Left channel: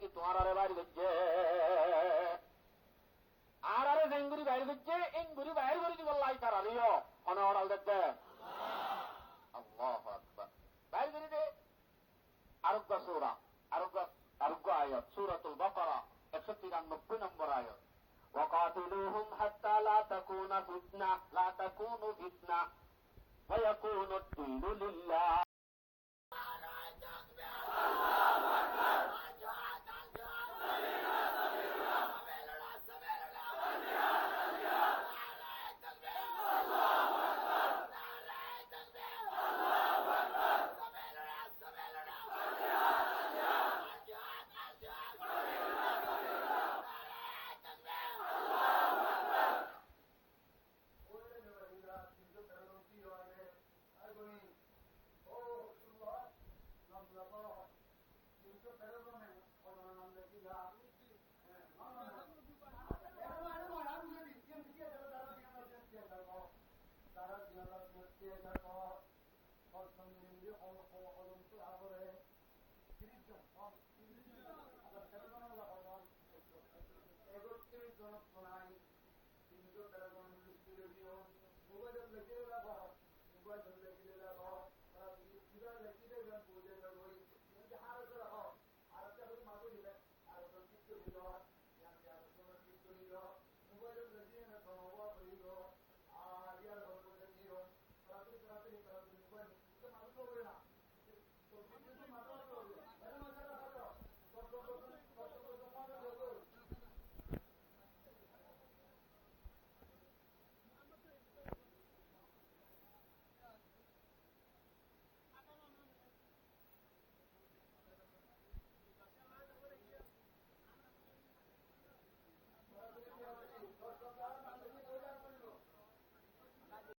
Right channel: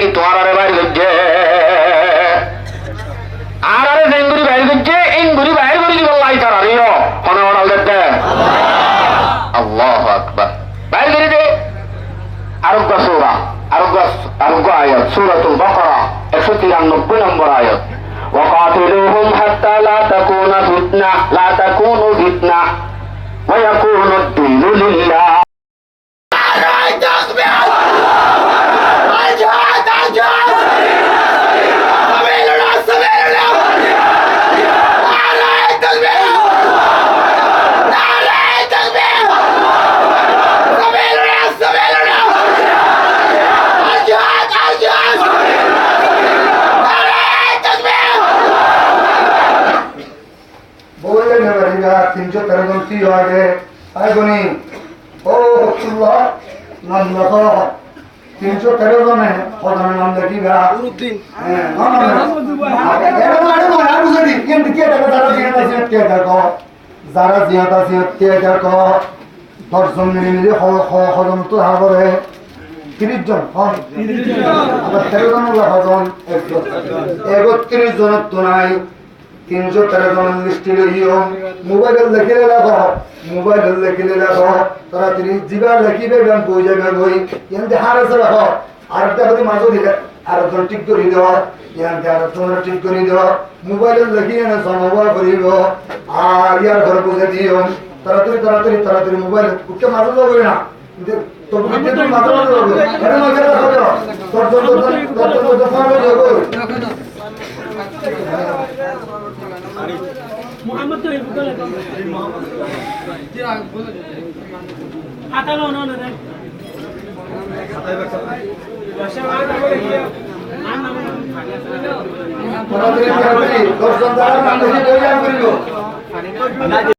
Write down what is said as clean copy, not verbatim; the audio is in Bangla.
কি তোমার আরে বাইর করছে আর আরে জেঙ্গুরি বাইর করছে ইঙ্গুরি বাইর করে দিব লাই তার আরিও কোনে অর্ডার দিতে আল্লাহু আকবার বাইর করে দে আরোগ্য সূরা আরোগ্য আয়াত সূরাতুল বাকারা 193 নম্বর আয়াত وقاتلوهم حتى لا تكون فتنة ويكون الدين لله তিনশো 13 আগে আগুনি ও হকুল্লাহ নাম লেখো 313 জনে প্রধানের নাম লেখিবা উদ্দিন যারা জিয়াত আছে কে দেখো 10 জন মিলে হজম তো হাবরে 30 জন আবার 13 জন হজম 31 জন তো নাই 313 জন লিস্টে লইও মোবাইল লেখিলে রাখো তারা 30 জিবা লেখিবে গান বই যাবে বই এন্ড হারাছে রাখো আর দেখো মাঝে দিলে আর জন ঠিক করে দাও এন্ড আর জন ঠিক করে দাও মোবাইল লেখিয়ে না সমবায় করিব আর ইয়ার ঘর বুঝে দিও তাড়াতাড়ি মোবাইল উঠে মাঝে যাবে না তো বুঝতে তুমি মাঝে যাবে এটা মাঝে রাখো দর্শন মোহাম্মদ তো এই বলে আতালো না রে দর্শন দ্বারা নাম লিখে বই করিব